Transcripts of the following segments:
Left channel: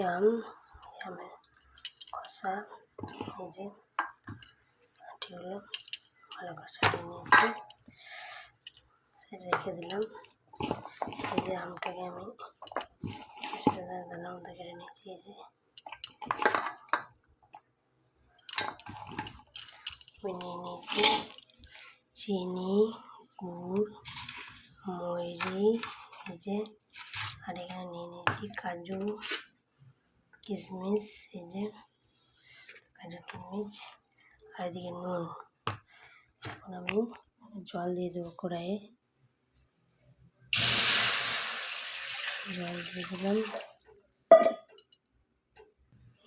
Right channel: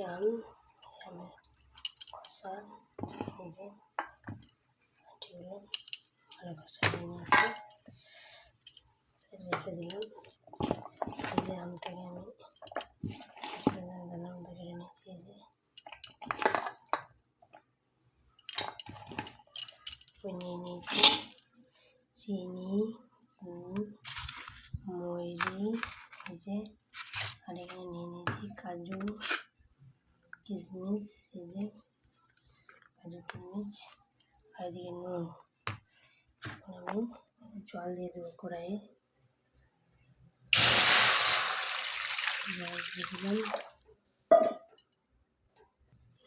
আমের খোসা এই যে আটিগুলো ভালো করে ছাড়িয়ে নিয়েছি, সেটা রেখে দিলাম। এই যে আমটাকে আমি দানার মধ্যে কেটে নিয়েছি। এই যে আমি নিয়ে নিয়েছি চিনি, গুড়, ময়রি, এই যে আর এখানে নিয়ে নিয়েছি কাজু কিশমিশ, এই যে কাজু কিশমিশ, আর এদিকে নুন। এখন আমি জল দিয়ে দেবো কড়াইয়ে, জল দিয়ে দিলাম,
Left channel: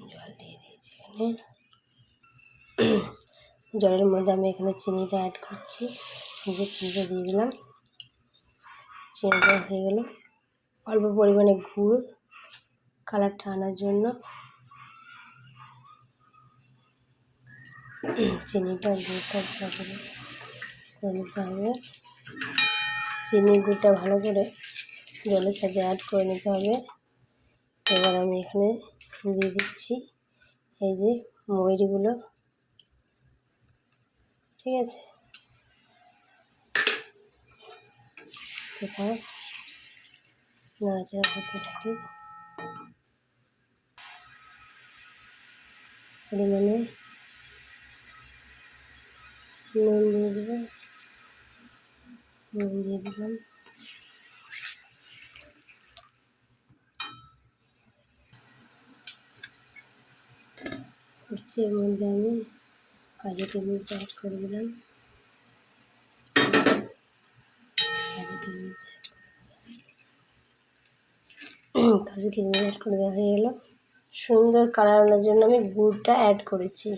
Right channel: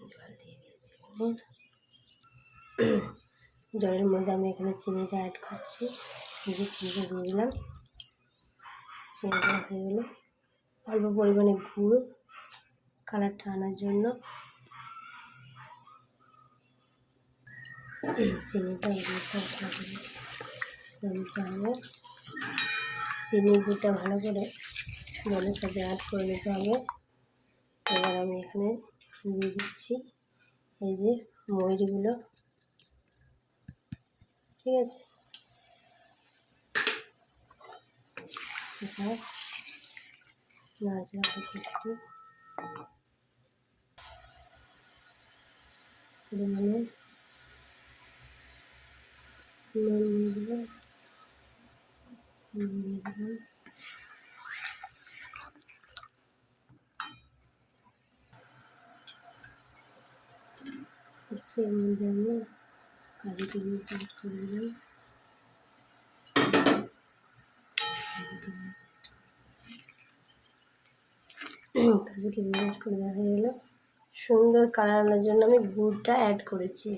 জল দিয়ে দিয়েছি এখানে। জলের মধ্যে আমি এখানে চিনিটা অ্যাড করছি, এই যে চিনিটা দিয়ে দিলাম। চিনিটা হয়ে গেল, অল্প পরিমাণে গুড় কালারটা আনার জন্য। চিনিটা গুড়টা ভালো করে নিতে হবে, চিনি গুড়টা ভালো করে জলের সাথে অ্যাড করে নিতে হবে। এবার আমি এখানে দিয়ে দিচ্ছি এই যে ময়রিগুলো, ঠিক আছে। কোথায় নাড়াচাড়া করতে থাকি, পরিমাণে নুন দিয়ে দেবো, নুন দিয়ে দিলাম। এর মধ্যে আমি কাজু কিশমিশ অ্যাড করে দিলাম, কাজু কিশমিশ অ্যাড করে দেওয়া হয়ে গেলো। সুন্দর কালার আনার জন্য আমি গুড়টা অ্যাড করেছি,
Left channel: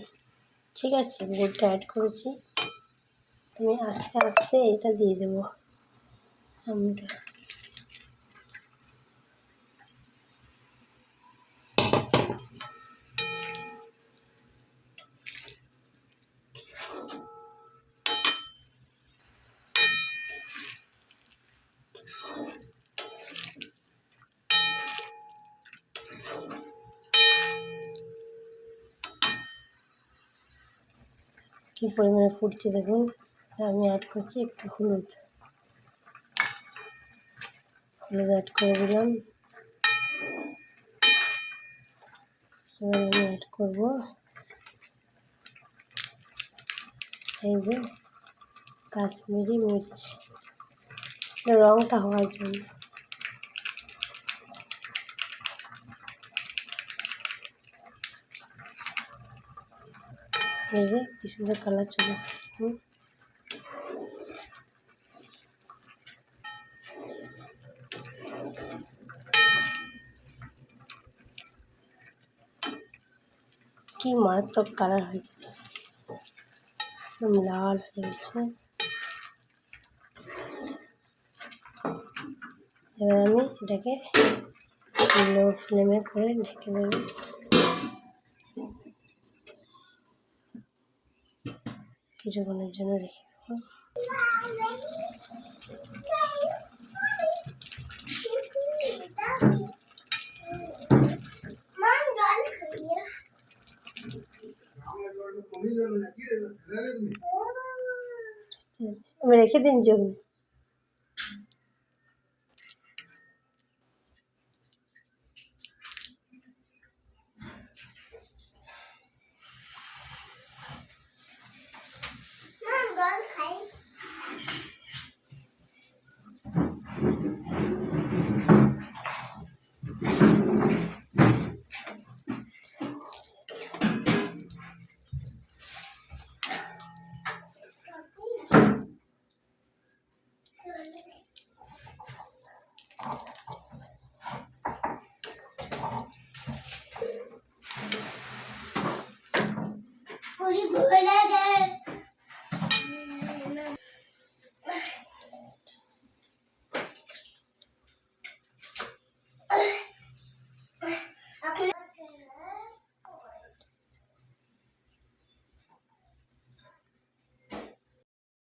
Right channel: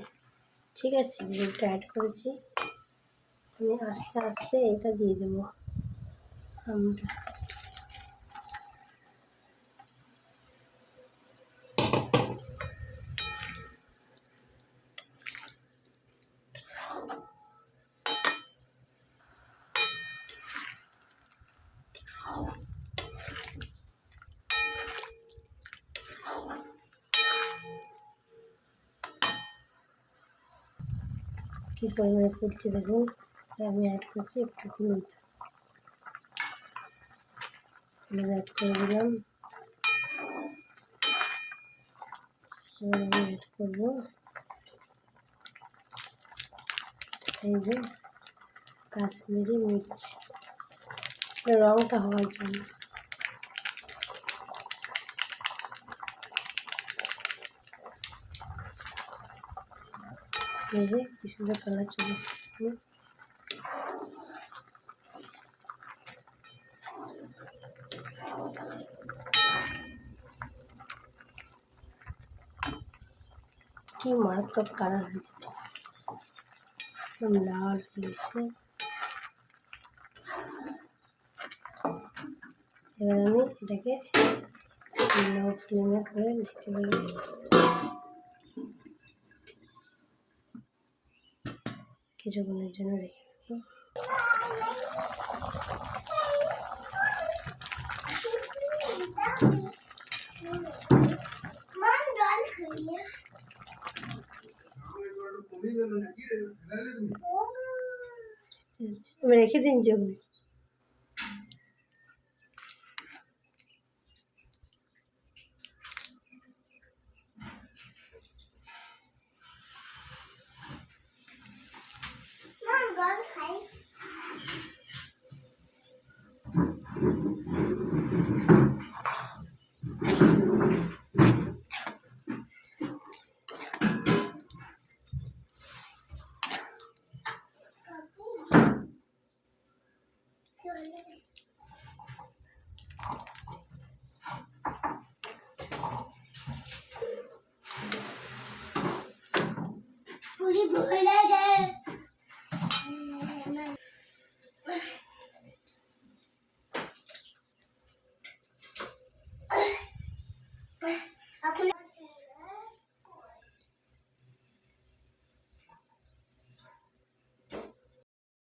ঠিক আছে। গুড়টা অ্যাড করেছি, আমি আস্তে আস্তে এটা দিয়ে দেবো আমটা। কী পরিমাণে ফুটছে দেখুন। আমি অ্যাড করছি একটু হলুদ অ্যাড করে দিলাম। এবার আমি অ্যাড করব এই যে কাশ্মীরি মির্চ, রঙটা হওয়ার জন্য। এই যে কি সুন্দর কালার চলে এসেছে। কি মারাত্মক কালার হয়েছে, একদম লাল হয়ে গেছে। এবার আমি এটাকে লো ফ্লেমে করে ঢেকে দেবো, কিছুক্ষণের জন্য রেখে দেবো। আমি রেখে দিন যে ওখানে। पूरी